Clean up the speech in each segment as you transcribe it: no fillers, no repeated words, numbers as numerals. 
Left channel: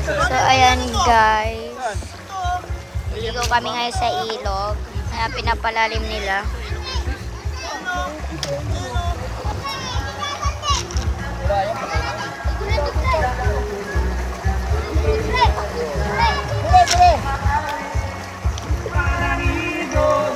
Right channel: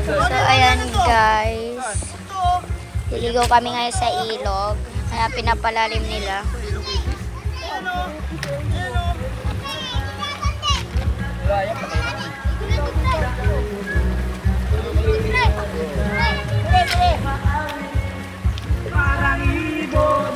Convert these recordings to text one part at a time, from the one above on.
So, ayan guys. Liligaw kami ngayon sa ilog. Kaya pinapalalim nila. Parang ibon.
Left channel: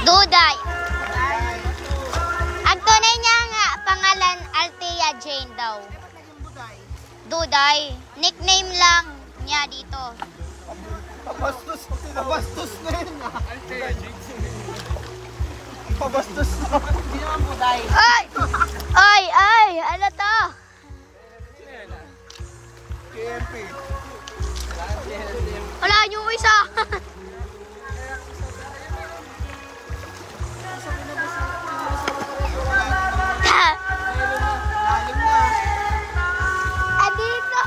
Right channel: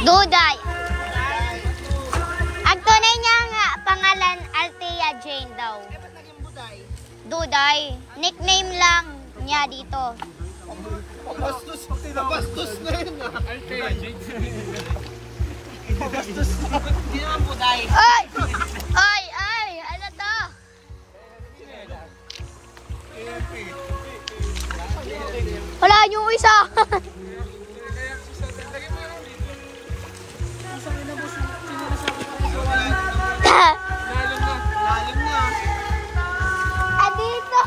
Duday. Ang tunay niya nga pangalan Althea Jane daw. Duday. Nickname lang niya dito. Bastos na yun ah. Althea Jane. Bastos na. Hindi naman Buday. Ay! Ay! Ay! Ano to? Wala yung isa. Andito.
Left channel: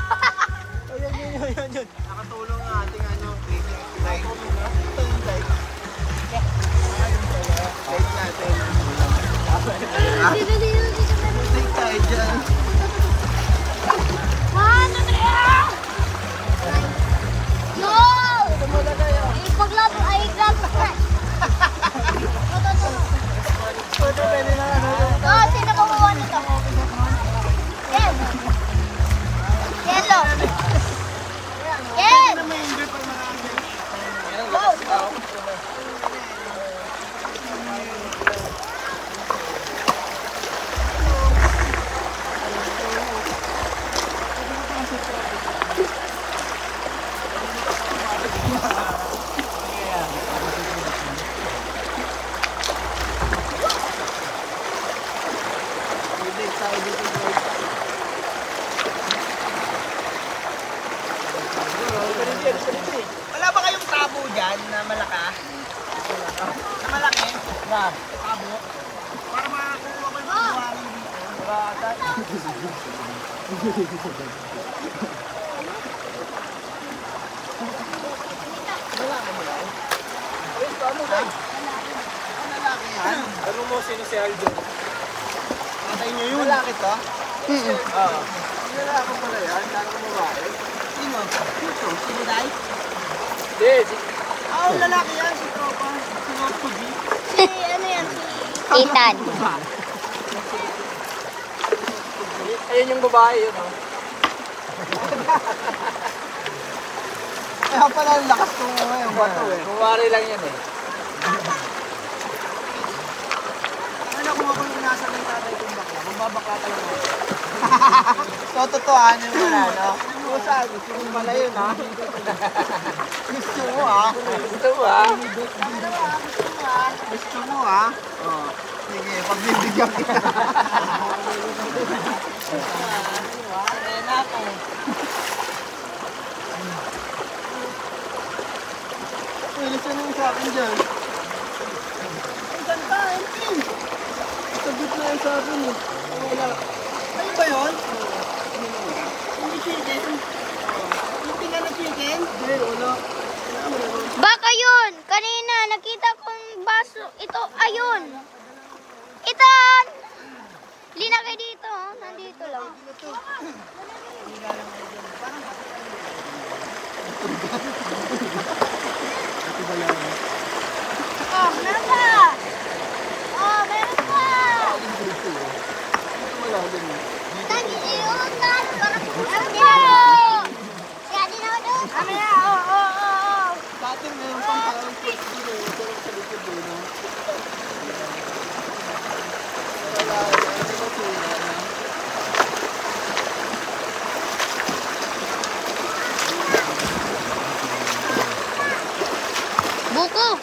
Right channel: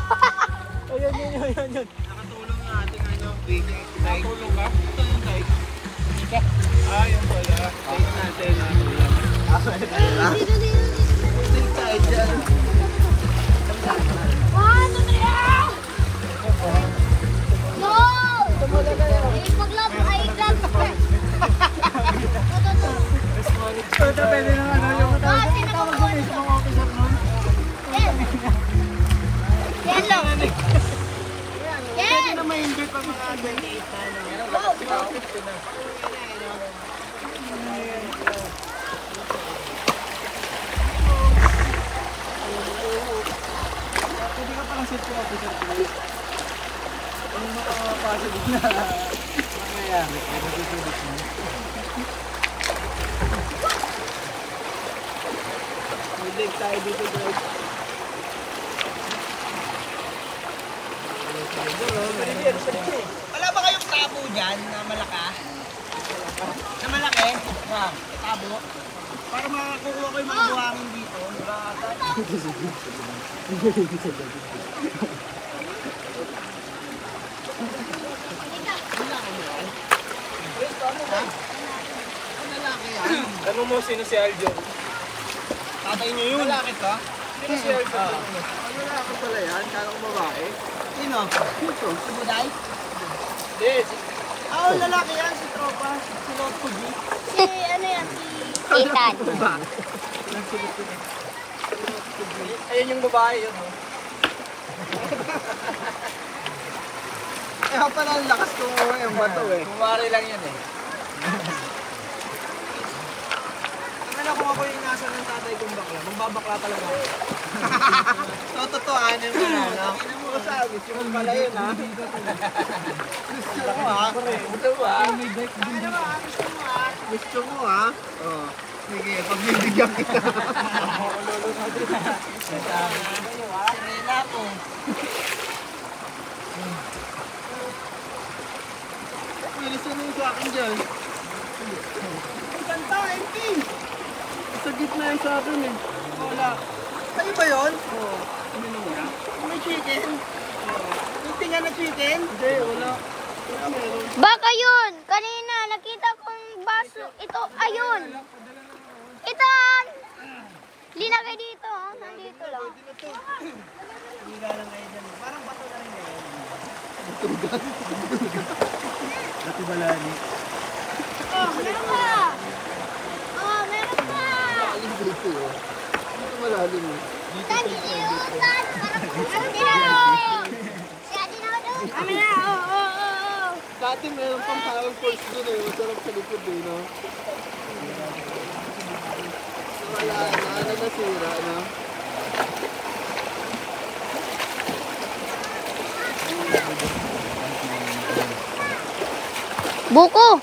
Ayun. Nakatulong ang ating ano. Nakatulong ba? Ito yung light. Yung pala. Light natin. Light tayo dyan. Ito pwede na ano yung pwede na ma-enjoy pag mga underneath. Pwede ka parang sit ko. Wala ba kayong tabo dyan na malaka? Na malaki? Na tabo? Para makakuha ko yung mga buhangin dito. Wala ka mo lang? Malaki yan. Tanong mo sino si Aljo? Tatay nyo yun. Malaki to? Sino si Aljo? Lalaki pala yan. Kala ko babae. Sino? Ito. Si Buday? Hindi. Lalaki yan. Si Tropa. Si Lotto G. Si ano yan? Ethan. Ayun yung babae yun. Kaya pala ang lakas kong yung bato eh. Kumari lang yan eh. Ano kung ako yung nasa ng tatay kong bakla, magbabakla talaga ako. So, totohanin mo na, no? Gusto mo pala yun, no? Gusto mo, ha? Gusto mo ah? Gusto mo, ha? Oo. Sige, pagbibigyan kita. Sirena ko. Uy, listen yung sa akin dyan. Ang ganda, MP! Sa gitna yung sa akin eh. Wala. Sa'yo ba yun? Oo. Ano mo na? Yung chicken? Yung tinga na chicken? Hindi, wala. Baka yun. Kanina nakita kong baso. Ito, ayun. Itan! Linagay dito. Nandito lang. Hindi lang kayo dyan. Parang bato lang yun. Wala na. Oh, meron pa! Oh, meron pa! Aling dito yun. Dito malalim eh. Meron pa! Kami na, oh. Dati meron pang parang pulse doon eh. Masarap sa likod eh, no? Wala na. Ano ba sira na? Buko!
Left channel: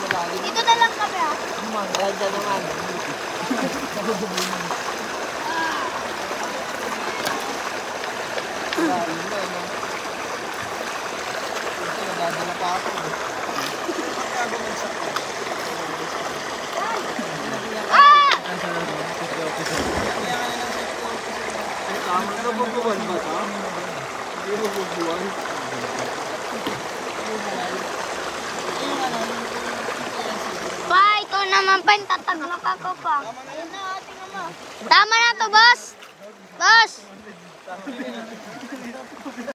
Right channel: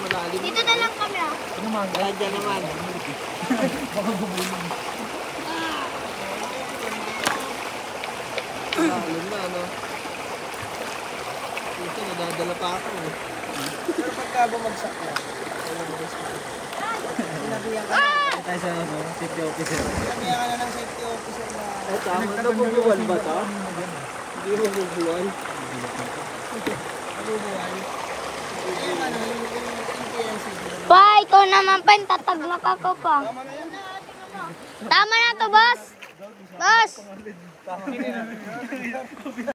Malalim. Dito na lang kami, ah. Ayan dyan naman. Malalim na, no? Ito, nadadala pa ako eh. Pagka ba magsakla? Ah! Kaya ka na ng safety officer. Ay, tama. Nabubuwan ba ito? Hindi nabubuwan. Pa, ikaw naman pa, tataglak ako pa. Tama na to, boss! Boss!